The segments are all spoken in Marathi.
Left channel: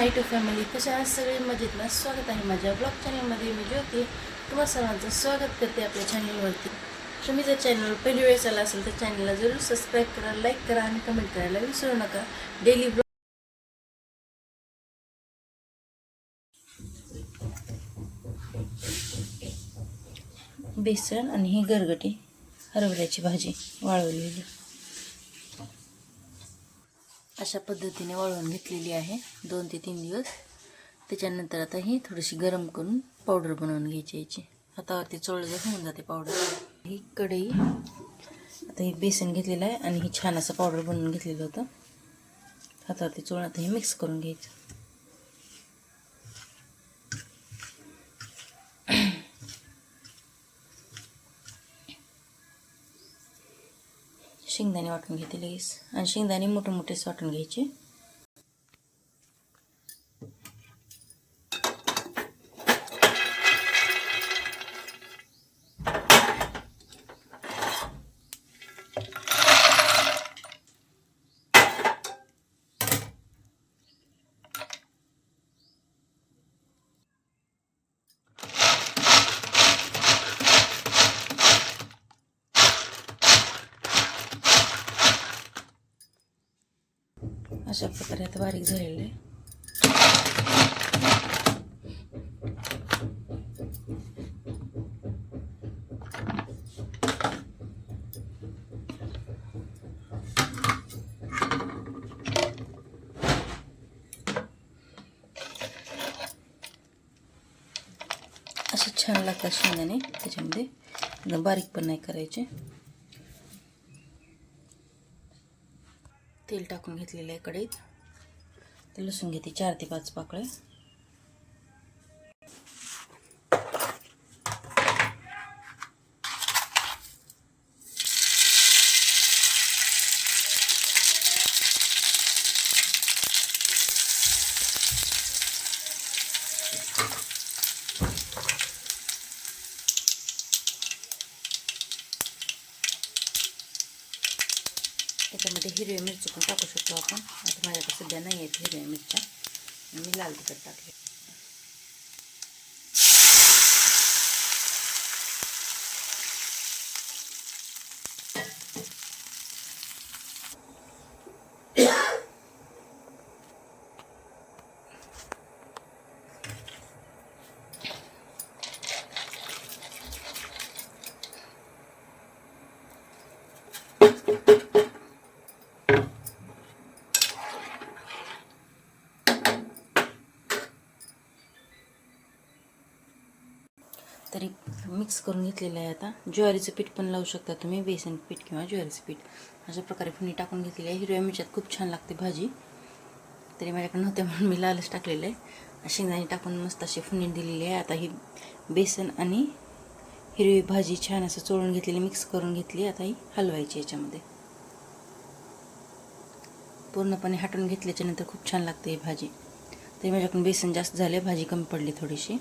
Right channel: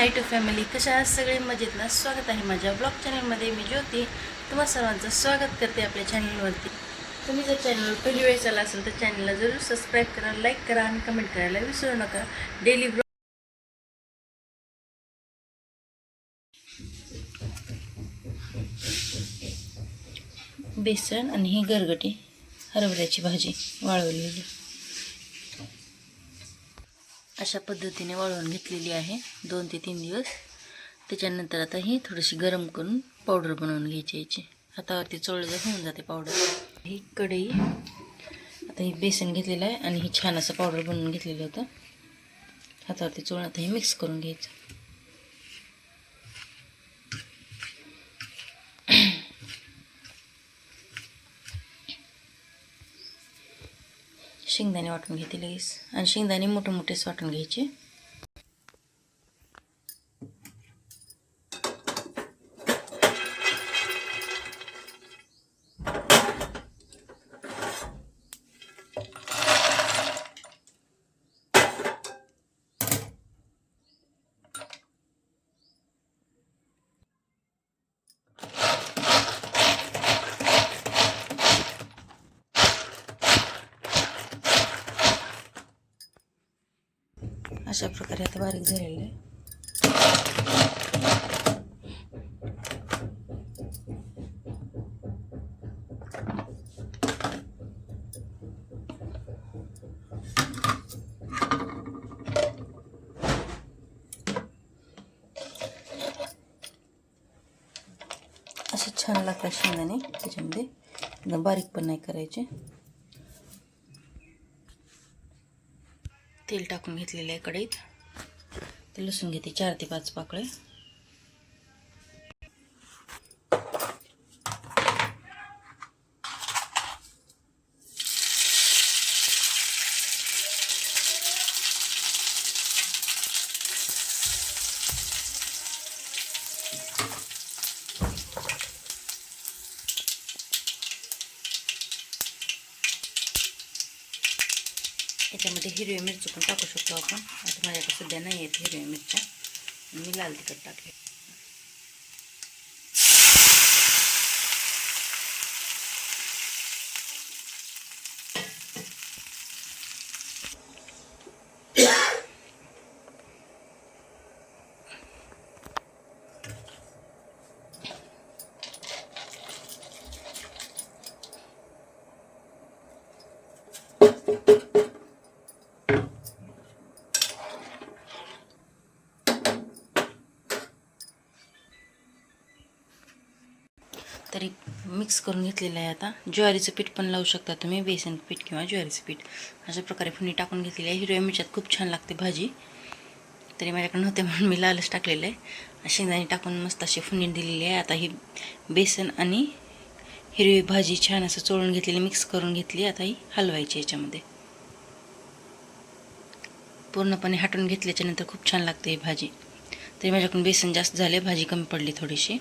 My to family. कशा आहात सगळे? मजेत ना? स्वागत आहे माझ्या ब्लॉग चॅनलमध्ये. मी ज्योती तुम्हा सर्वांचं स्वागत करते आपल्या चॅनलवरती. तुम्ही जर चॅनल पहिली वेळेस आला असेल तर चॅनलला जरूर सबस्क्राईब करा, लाईक करा आणि कमेंट करायला विसरू नका. डेली ब्लॉग बेसन आणि ही गरगटी हरभऱ्याची भाजी वाळवलेली अशा पद्धतीने वाळवून घेतलेली आहे 2 ते 3 दिवस. त्याच्यानंतर आता ही थोडीशी गरम करून पावडर बनवून घ्यायची. याची हातावरती चोळलं होऊन जाते पावडर. ही कढई, आता ही बेसन घेतलेलं आहे आणि ही छान असं पावडर बनवून घेतलेलं होतं. हातावरती चोळून आता हे मिक्स करून घ्यायचं. शेंगदाणे वाटून घेते लगेच, आणि शेंगदाणे मोठे मोठेच वाटून घ्यायचे. अशा प्रकारे आता बारीक झालेलं आहे. असे छान लागतात शेंगदाणे. त्याच्यामध्ये एकदम बारीक पण नाही करायचे. तेल टाकून घेतलेलं आहे कढईत. ते लसूण घेते 4 ते 5 पाकळे. याच्यामध्ये हिरव्या मिरची पण टाकू शकतो आपण. आता माझ्याकडे सध्या नाही आहेत हिरव्या मिरच्या, मी लाल तिखट टाकले. तरी मिक्स करून घेतलेलं आहे. आता ज्वारीचं पीठ पण लावू शकता तुम्ही, बेसन पीठ किंवा ज्वारीचं पीठ. अशा प्रकारे फुनी टाकून घेतलेली आहे. हिरव्या मिरच्यात खूप छान लागते भाजी. तरी माझ्याकडे नव्हते म्हणून मी लालच टाकलेलं आहे. शेंगदाणे टाकून मस्त अशी फुनी दिलेली आहे. आता ही बेसन आणि हिरवी भाजी छान असं चोळून घेतलेली, मिक्स करून घेतली. आता ही हलवायची याच्यामध्ये. पूर्णपणे हटून घेतल्याच्यानंतर खूप छान लागते ही भाजी. तरी माझ्याकडून बेसन जास्त झाले, भाजी कमी पडली थोडीशी.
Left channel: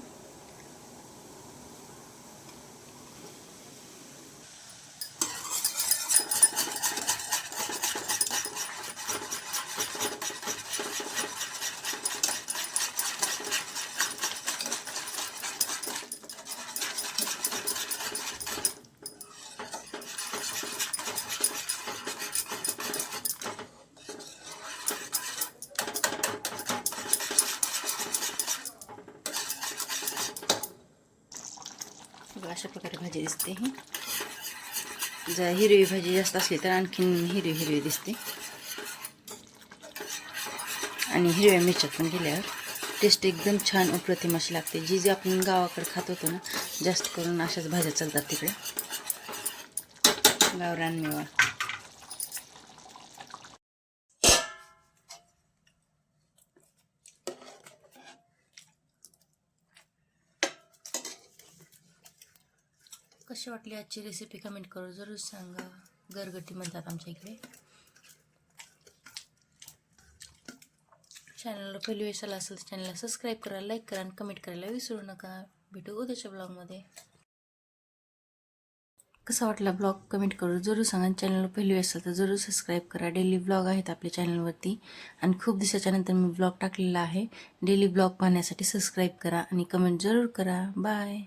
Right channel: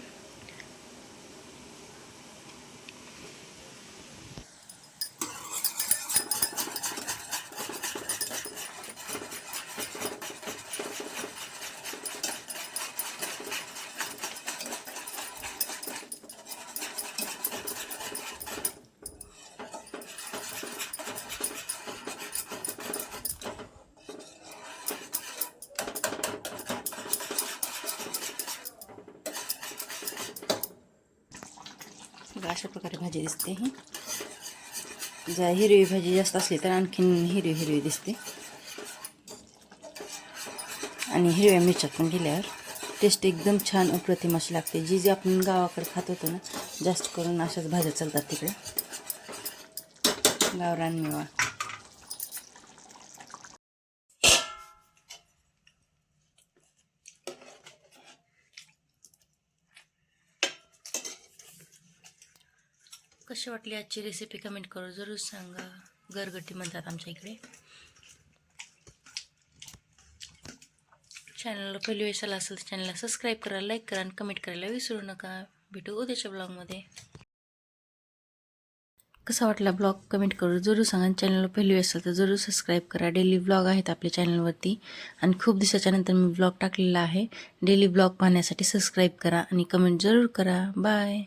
अशा प्रकारे भाजी दिसते. ही जर हिरवी भाजी जास्त असली तर आणखीन हिरवी हिरवी दिसते. आणि हिरव्या मिरच्या पण दिल्यावर टेस्ट एकदम छान अप्रतिम अशी लागते. जी आपण गावाकडे खात होतो ना, जास्त करून अशाच भाज्या चालतात तिकडे. गावरान मेवा. कशी वाटली आजची रेसिपी कमेंट करून जरूर सांगा. गरगटी म्हणतात आमच्या इकडे. चॅनलला पहिली वेळेस आला असेल तर चॅनलला सबस्क्राईब करा, लाईक करा आणि कमेंट करायला विसरू नका. भेटू उद्याच्या ब्लॉगमध्ये. कसा वाटला ब्लॉग कमेंट करून जरूर सांगा. चॅनलला पहिली वेळ असेल तर जरूर सबस्क्राईब करा. डेली ब्लॉग आहेत आपल्या चॅनलवरती आणि खूप दिवसाच्या नंतर मी ब्लॉग टाकलेला आहे. डेली ब्लॉग पाहण्यासाठी सबस्क्राईब करा आणि कमेंट जरूर करा. बाय.